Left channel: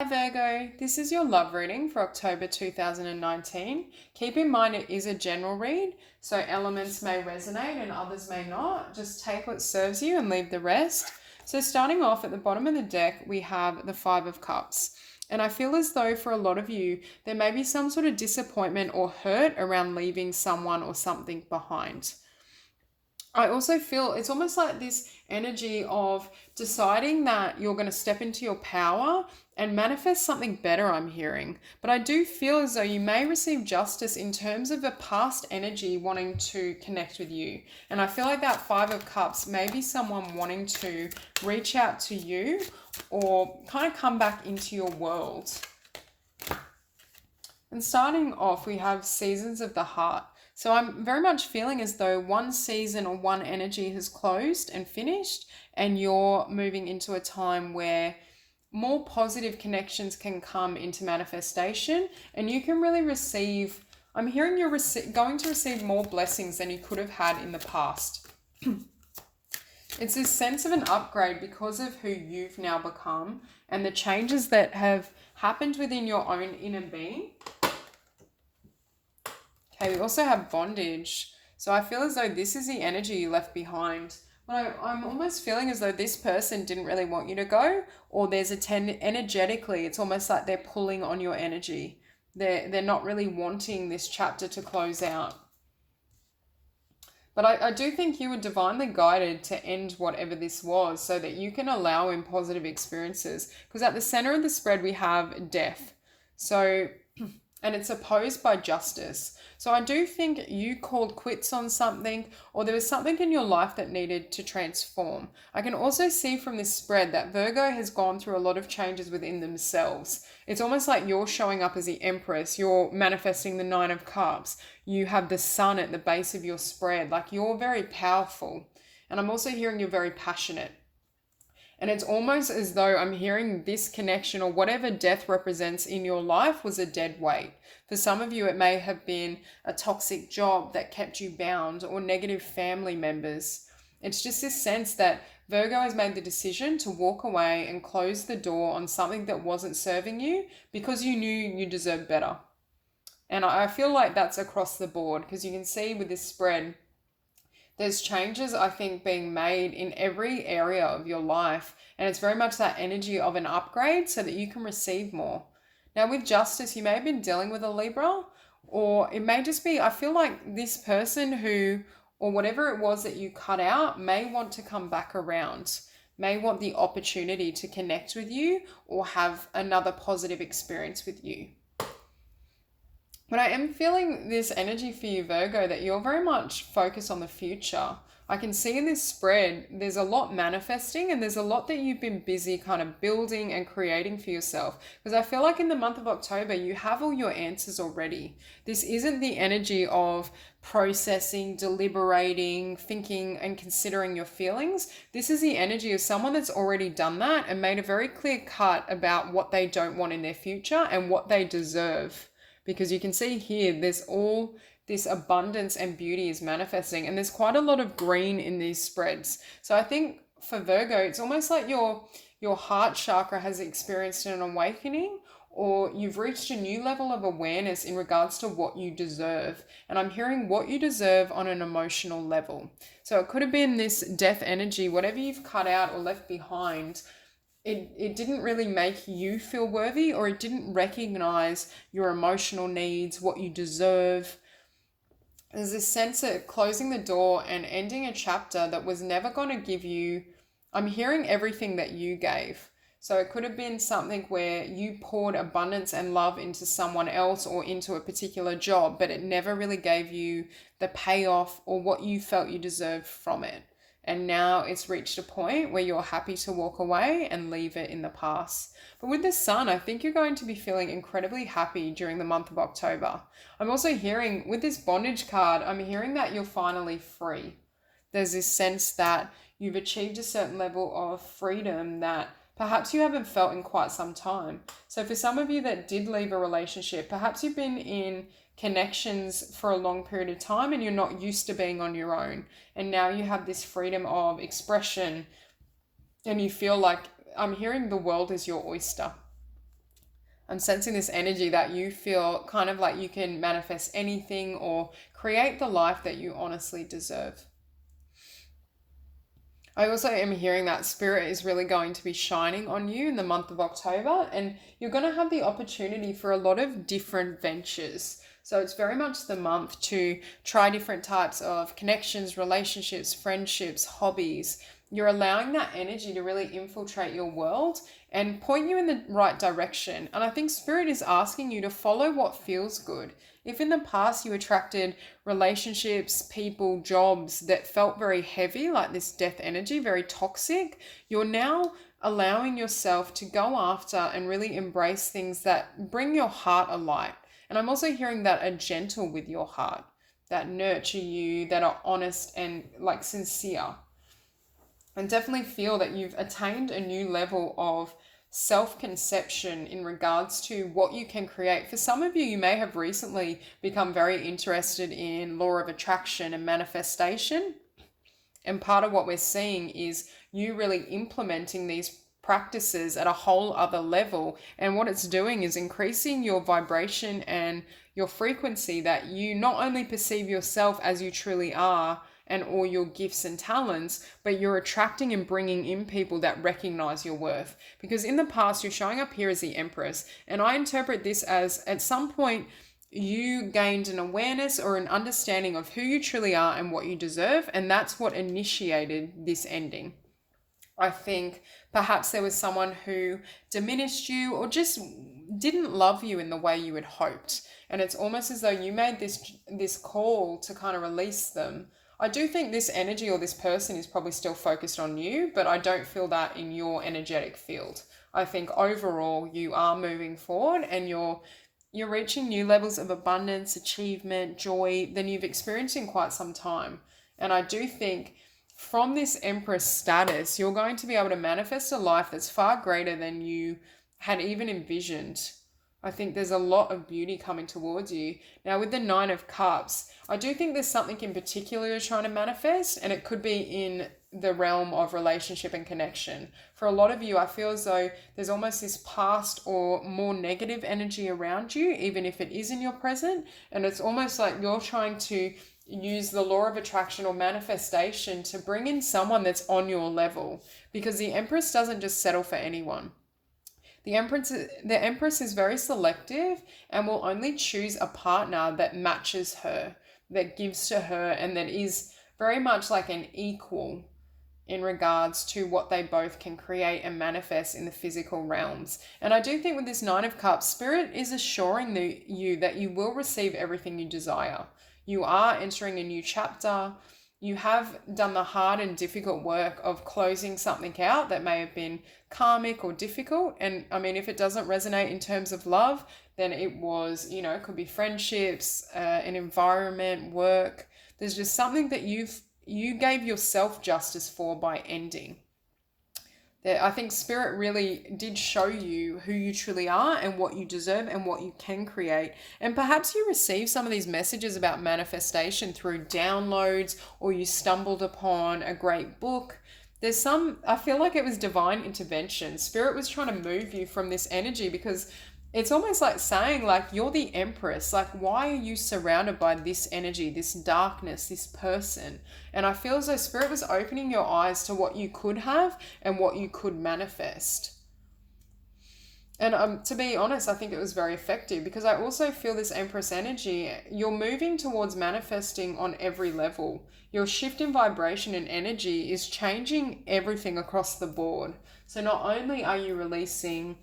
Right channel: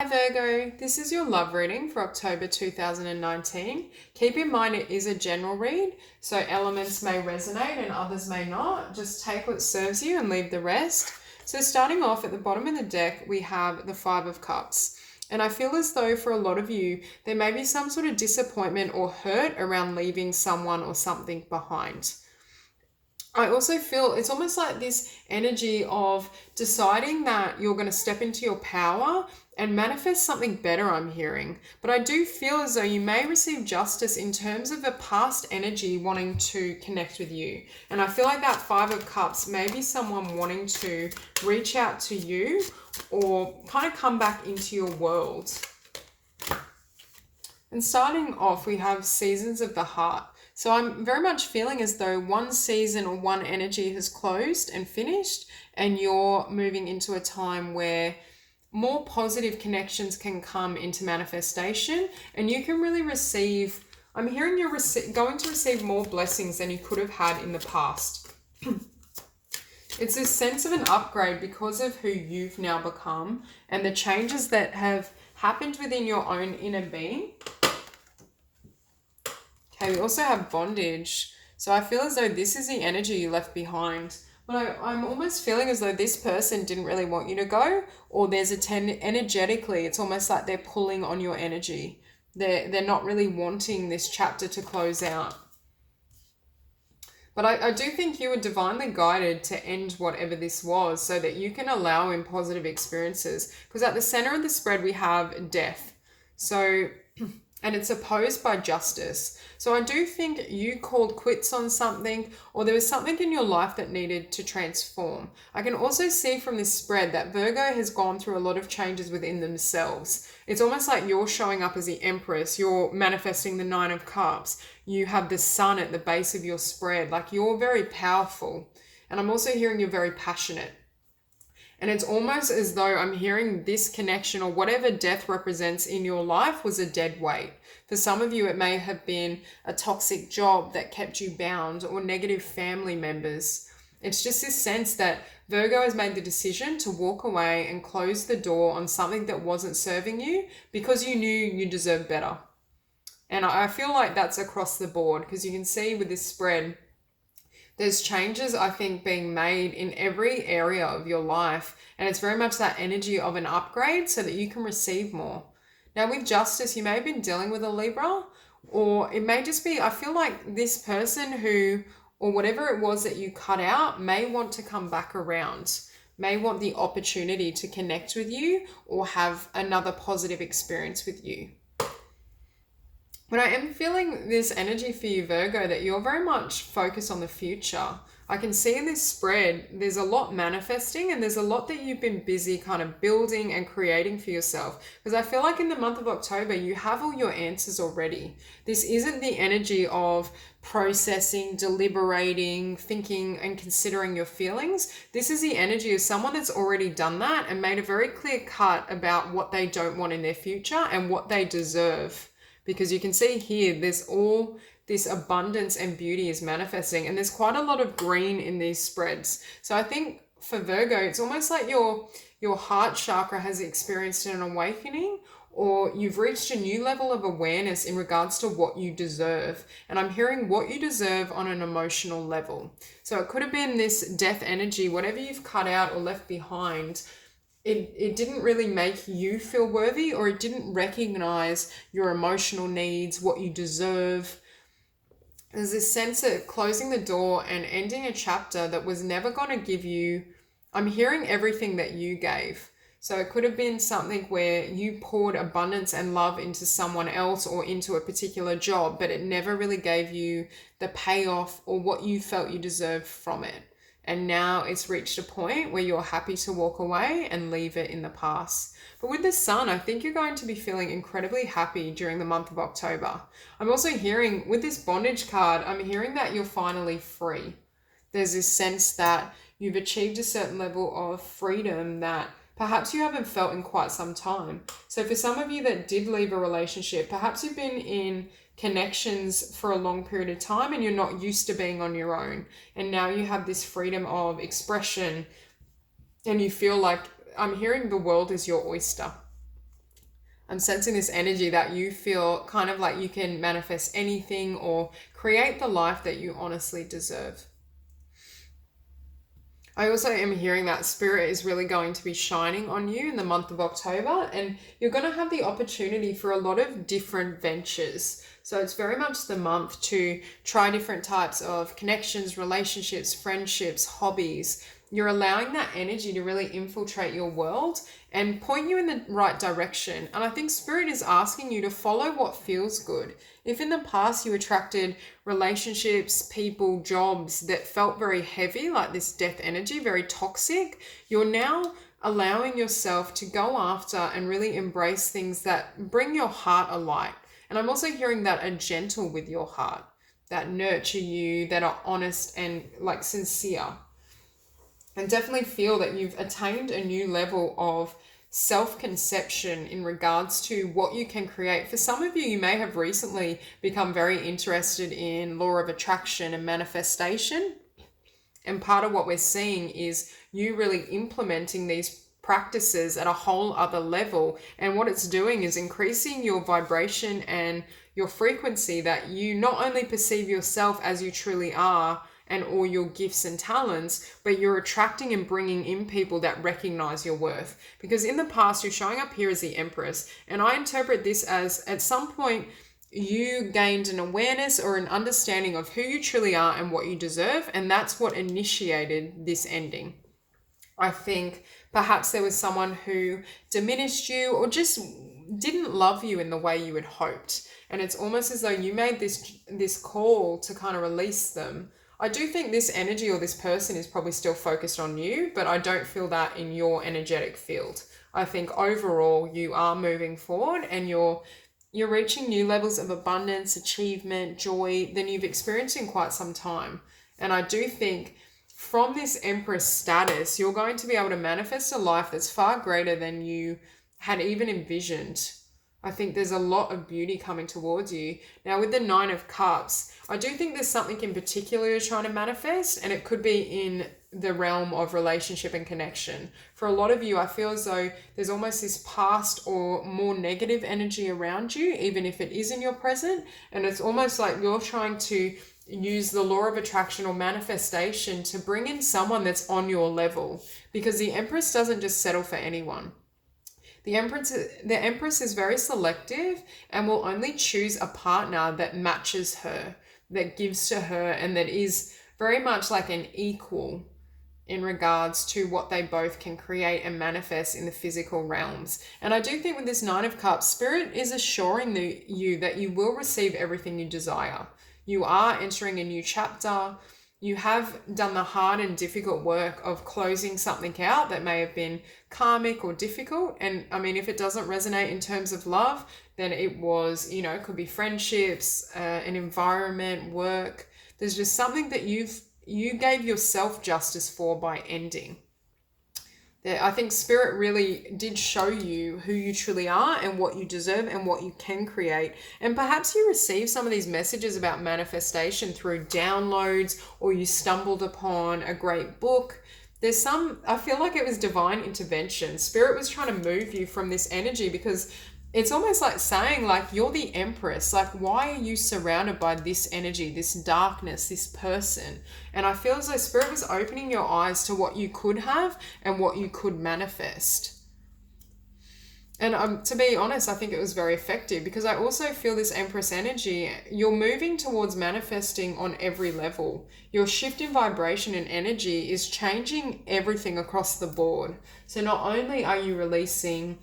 Hi Virgo, this is your love reading for October 2019. Keep in mind it is a general read, so elements may resonate and others may not. Just take what serves you and leave the rest. So starting off at the bottom of the deck, we have the Five of Cups. And I feel as though for a lot of you, there may be some sort of disappointment or hurt around leaving someone or something behind. I also feel it's almost like this energy of deciding that you're going to step into your power and manifest something better, I'm hearing. But I do feel as though you may receive justice in terms of a past energy wanting to connect with you. And I feel like that Five of Cups may be someone wanting to reach out to you or kind of come back into your world. And starting off, we have Seasons of the Heart. So I'm very much feeling as though one season or one energy has closed and finished, and you're moving into a time where more positive connections can come into manifestation, and you can really receive, I'm hearing you're going to receive more blessings than you could have had in the past. It's this sense of an upgrade because of who you've now become and the changes that have happened within your own inner being. Okay, we also have bondage. So I feel as though this is the energy you left behind. But I'm almost feeling as though this person didn't really want you to go, or there's energetically, it's almost like they're pulling on your energy. They're not really wanting this chapter to close out. But I do think you were divinely guided to end whatever this was so that you can allow in positive experiences. Because at the center of the spread, we have death. So, and it's opposed by justice. So I do think you called quits on something, or there was something in your life that needed to transform. I can also see from this spread that Virgo has gone through a lot of changes within themselves. It's almost like you're showing up as the Empress, you're manifesting the Nine of Cups, you have the Sun at the base of your spread, like you're very powerful. And I'm also hearing you're very passionate. And it's almost as though I'm hearing this connection or whatever death represents in your life was a dead weight. For some of you, it may have been a toxic job that kept you bound or negative family members. It's just this sense that Virgo has made the decision to walk away and close the door on something that wasn't serving you because you knew you deserved better. And I feel like that's across the board because you can see with this spread, there's changes, I think, being made in every area of your life. And it's very much that energy of an upgrade so that you can receive more. Now, with justice, you may have been dealing with a Libra, or it may just be, I feel like this person who, or whatever it was that you cut out, may want to come back around, may want the opportunity to connect with you or have another positive experience with you. But I am feeling this energy for you, Virgo, that you're very much focused on the future. I can see in this spread, there's a lot manifesting and there's a lot that you've been busy kind of building and creating for yourself. Because I feel like in the month of October, you have all your answers already. This isn't the energy of processing, deliberating, thinking and considering your feelings. This is the energy of someone that's already done that and made a very clear cut about what they don't want in their future and what they deserve. Because you can see here, there's all this abundance and beauty is manifesting. And there's quite a lot of green in these spreads. So I think for Virgo, it's almost like your heart chakra has experienced an awakening, or you've reached a new level of awareness in regards to what you deserve. And I'm hearing what you deserve on an emotional level. So it could have been this death energy, whatever you've cut out or left behind. It didn't really make you feel worthy, or it didn't recognize your emotional needs, what you deserve. There's this sense of closing the door and ending a chapter that was never going to give you, I'm hearing everything that you gave. So it could have been something where you poured abundance and love into someone else or into a particular job, but it never really gave you the payoff or what you felt you deserved from it. And now it's reached a point where you're happy to walk away and leave it in the past. But with the Sun, I think you're going to be feeling incredibly happy during the month of October. I'm also hearing, with this bondage card, I'm hearing that you're finally free. There's this sense that you've achieved a certain level of freedom that perhaps you haven't felt in quite some time. So for some of you that did leave a relationship, perhaps you've been in connections for a long period of time and you're not used to being on your own. And now you have this freedom of expression and you feel like, I'm hearing the world is your oyster. I'm sensing this energy that you feel kind of like you can manifest anything or create the life that you honestly deserve. I also am hearing that spirit is really going to be shining on you in the month of October, and you're going to have the opportunity for a lot of different ventures. So it's very much the month to try different types of connections, relationships, friendships, hobbies. You're allowing that energy to really infiltrate your world and point you in the right direction. And I think Spirit is asking you to follow what feels good. If in the past you attracted relationships, people, jobs that felt very heavy, like this death energy, very toxic, you're now allowing yourself to go after and really embrace things that bring your heart alight. And I'm also hearing that are gentle with your heart, that nurture you, that are honest and like sincere. And definitely feel that you've attained a new level of self-conception in regards to what you can create. For some of you, you may have recently become very interested in law of attraction and manifestation. And part of what we're seeing is you really implementing these practices at a whole other level. And what it's doing is increasing your vibration and your frequency, that you not only perceive yourself as you truly are and all your gifts and talents, but you're attracting and bringing in people that recognize your worth. Because in the past, you're showing up here as the Empress. And I interpret this as at some point, you gained an awareness or an understanding of who you truly are and what you deserve. And that's what initiated this ending. I think perhaps there was someone who diminished you or just didn't love you in the way you had hoped. And it's almost as though you made this call to kind of release them. I do think this energy or this person is probably still focused on you, but I don't feel that in your energetic field. I think overall you are moving forward and you're reaching new levels of abundance, achievement, joy than you've experienced in quite some time. And I do think from this Empress status, you're going to be able to manifest a life that's far greater than you had even envisioned. I think there's a lot of beauty coming towards you. Now with the Nine of Cups, I do think there's something in particular you're trying to manifest, and it could be in the realm of relationship and connection. For a lot of you, I feel as though there's almost this past or more negative energy around you, even if it is in your present. And it's almost like you're trying to use the law of attraction or manifestation to bring in someone that's on your level, because the Empress doesn't just settle for anyone. The Empress is very selective and will only choose a partner that matches her, that gives to her, and that is very much like an equal in regards to what they both can create and manifest in the physical realms. And I do think with this Nine of Cups, Spirit is assuring you that you will receive everything you desire. You are entering a new chapter. You have done the hard and difficult work of closing something out that may have been karmic or difficult. And I mean, if it doesn't resonate in terms of love, then it was, it could be friendships, an environment, work. There's just something that you gave yourself justice for by ending. I think Spirit really did show you who you truly are and what you deserve and what you can create. And perhaps you received some of these messages about manifestation through downloads, or you stumbled upon a great book. I feel like it was divine intervention. Spirit was trying to move you from this energy, because it's almost like saying, like, you're the Empress. Like, why are you surrounded by this energy, this darkness, this person? And I feel as though Spirit was opening your eyes to what you could have and what you could manifest. And to be honest, I think it was very effective, because I also feel this Empress energy, you're moving towards manifesting on every level. Your shift in vibration and energy is changing everything across the board. So not only are you releasing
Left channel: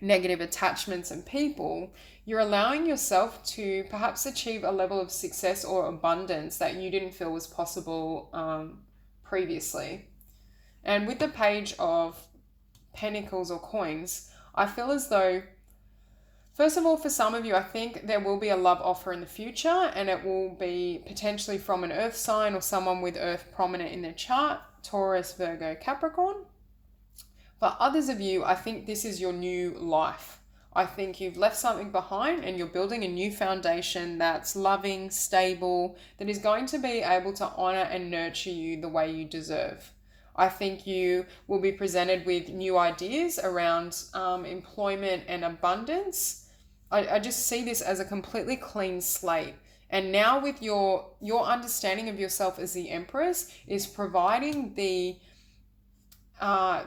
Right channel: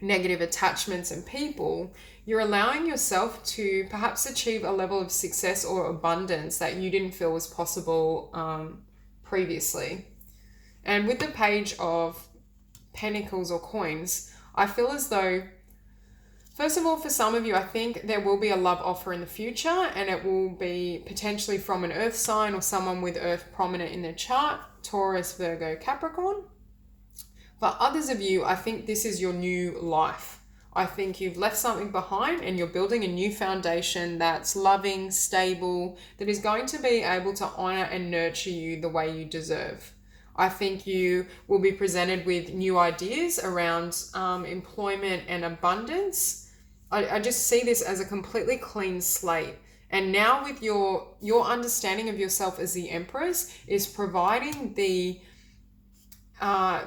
negative attachments and people, you're allowing yourself to perhaps achieve a level of success or abundance that you didn't feel was possible previously. And with the Page of Pentacles or coins, I feel as though, first of all, for some of you, I think there will be a love offer in the future, and it will be potentially from an earth sign or someone with earth prominent in their chart, Taurus, Virgo, Capricorn. For others of you, I think this is your new life. I think you've left something behind and you're building a new foundation that's loving, stable, that is going to be able to honor and nurture you the way you deserve. I think you will be presented with new ideas around employment and abundance. I just see this as a completely clean slate. And now with your understanding of yourself as the Empress is providing the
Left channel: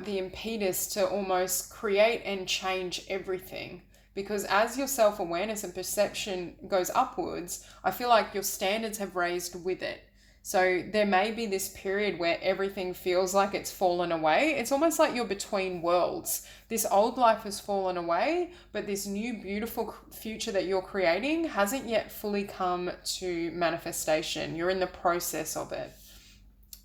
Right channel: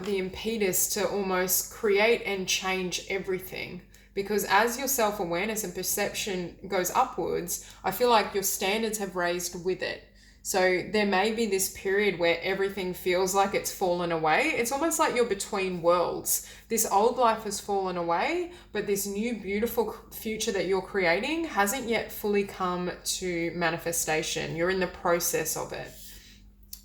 impetus to almost create and change everything. Because as your self-awareness and perception goes upwards, I feel like your standards have raised with it. So there may be this period where everything feels like it's fallen away. It's almost like you're between worlds. This old life has fallen away, but this new beautiful future that you're creating hasn't yet fully come to manifestation. You're in the process of it.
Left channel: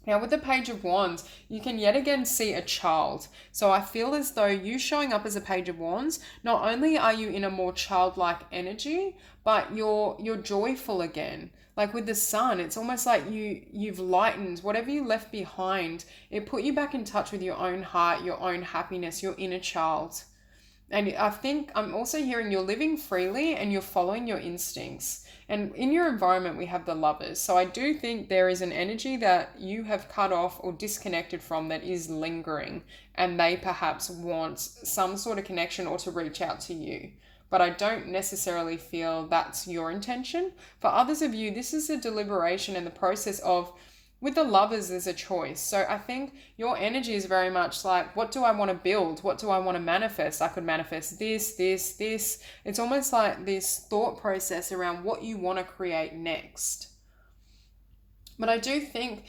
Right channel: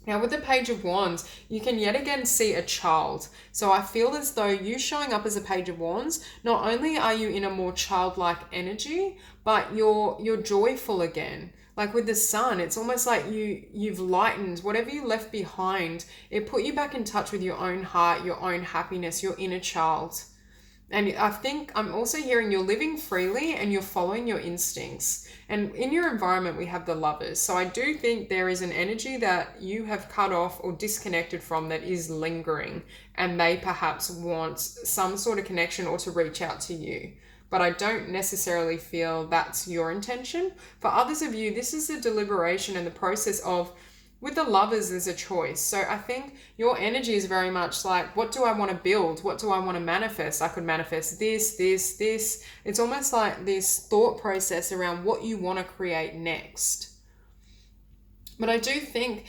Now with the Page of Wands, you can yet again see a child. So I feel as though you showing up as a Page of Wands, not only are you in a more childlike energy, but you're joyful again. Like with the Sun, it's almost like you've lightened whatever you left behind. It put you back in touch with your own heart, your own happiness, your inner child. And I think I'm also hearing you're living freely and you're following your instincts. And in your environment, we have the Lovers. So I do think there is an energy that you have cut off or disconnected from that is lingering. And they perhaps want some sort of connection or to reach out to you. But I don't necessarily feel that's your intention. For others of you, this is a deliberation and the process of, with the Lovers, there's a choice. So I think your energy is very much like, what do I want to build? What do I want to manifest? I could manifest this. It's almost like this thought process around what you want to create next. But I do think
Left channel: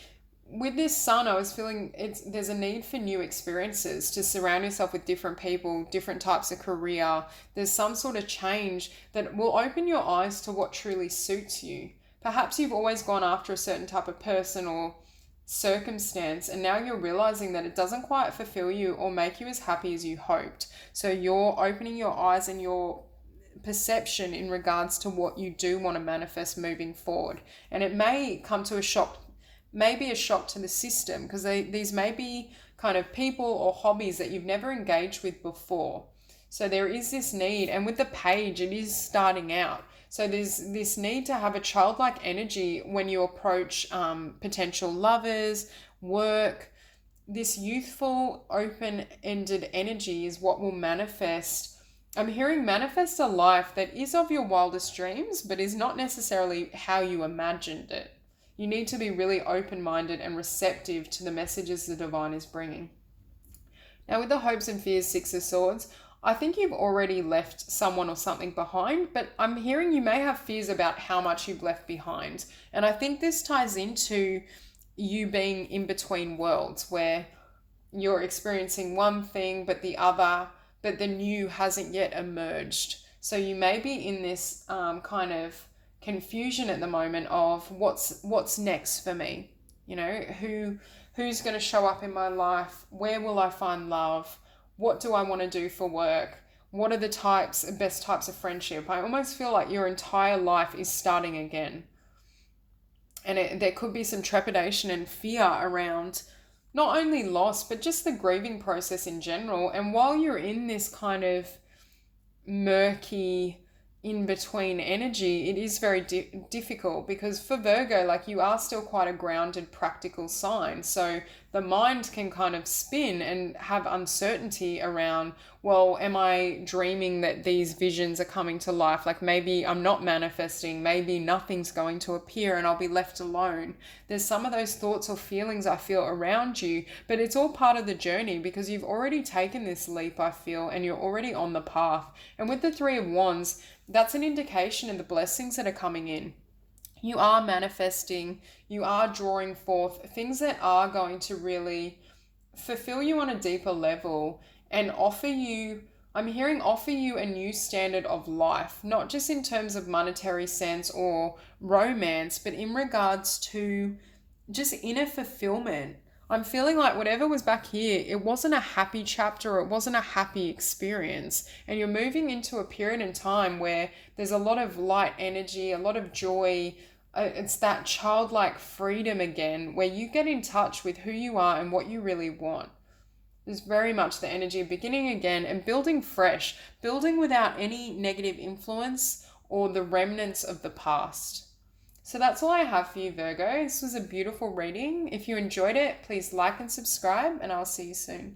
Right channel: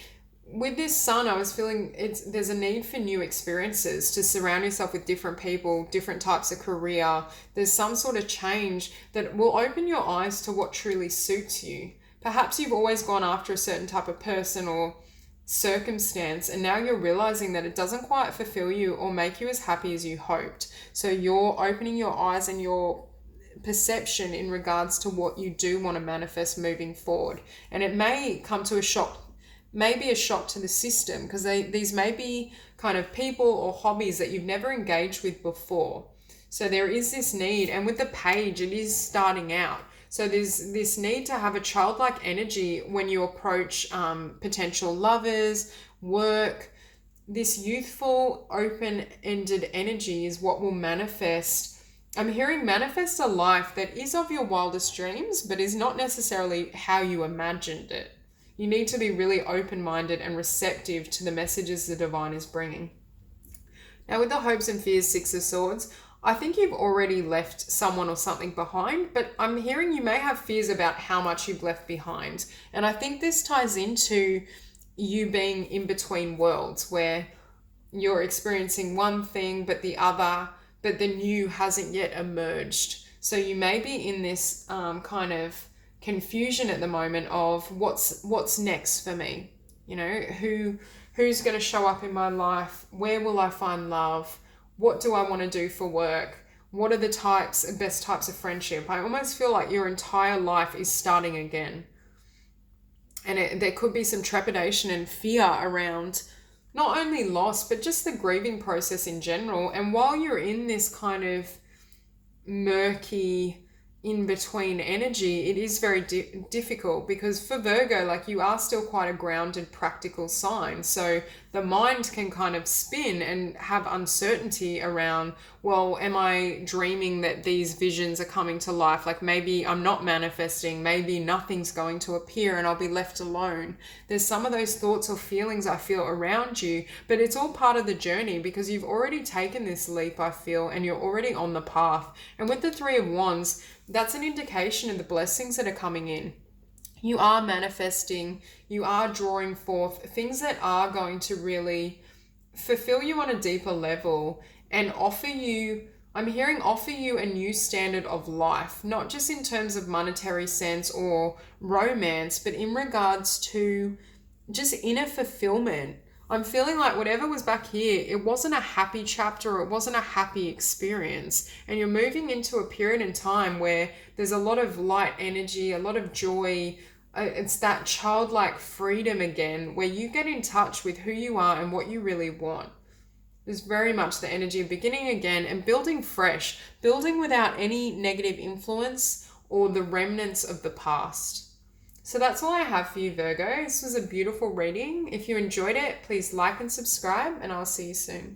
with this Sun, I was feeling there's a need for new experiences, to surround yourself with different people, different types of career. There's some sort of change that will open your eyes to what truly suits you. Perhaps you've always gone after a certain type of person or circumstance, and now you're realizing that it doesn't quite fulfill you or make you as happy as you hoped. So you're opening your eyes and your perception in regards to what you do want to manifest moving forward. And it may come to a shock, maybe a shock to the system, because these may be kind of people or hobbies that you've never engaged with before. So there is this need, and with the Page, it is starting out. So there's this need to have a childlike energy when you approach potential lovers, work. This youthful, open-ended energy is what will manifest. I'm hearing manifest a life that is of your wildest dreams, but is not necessarily how you imagined it. You need to be really open-minded and receptive to the messages the divine is bringing. Now with the hopes and fears, Six of Swords, I think you've already left someone or something behind, but I'm hearing you may have fears about how much you've left behind. And I think this ties into you being in between worlds, where you're experiencing one thing but the other, but the new hasn't yet emerged. So you may be in this kind of confusion at the moment of what's next for me. You know, who's going to show up in my life? Where will I find love? What do I want to do for work? What are the best types of friendship? I almost feel like your entire life is starting again. And there could be some trepidation and fear around not only loss, but just the grieving process in general. And while you're in this kind of murky, in-between energy, it is very difficult, because for Virgo, like, you are still quite a grounded, practical sign. So the mind can kind of spin and have uncertainty around, well, am I dreaming that these visions are coming to life? Like, maybe I'm not manifesting, maybe nothing's going to appear and I'll be left alone. There's some of those thoughts or feelings I feel around you, but it's all part of the journey, because you've already taken this leap, I feel, and you're already on the path. And with the Three of Wands, that's an indication of the blessings that are coming in. You are manifesting, you are drawing forth things that are going to really fulfill you on a deeper level and offer you a new standard of life, not just in terms of monetary sense or romance, but in regards to just inner fulfillment. I'm feeling like whatever was back here, it wasn't a happy chapter, or it wasn't a happy experience. And you're moving into a period in time where there's a lot of light energy, a lot of joy. It's that childlike freedom again, where you get in touch with who you are and what you really want. There's very much the energy of beginning again and building fresh, building without any negative influence or the remnants of the past. So that's all I have for you, Virgo. This was a beautiful reading. If you enjoyed it, please like and subscribe, and I'll see you soon.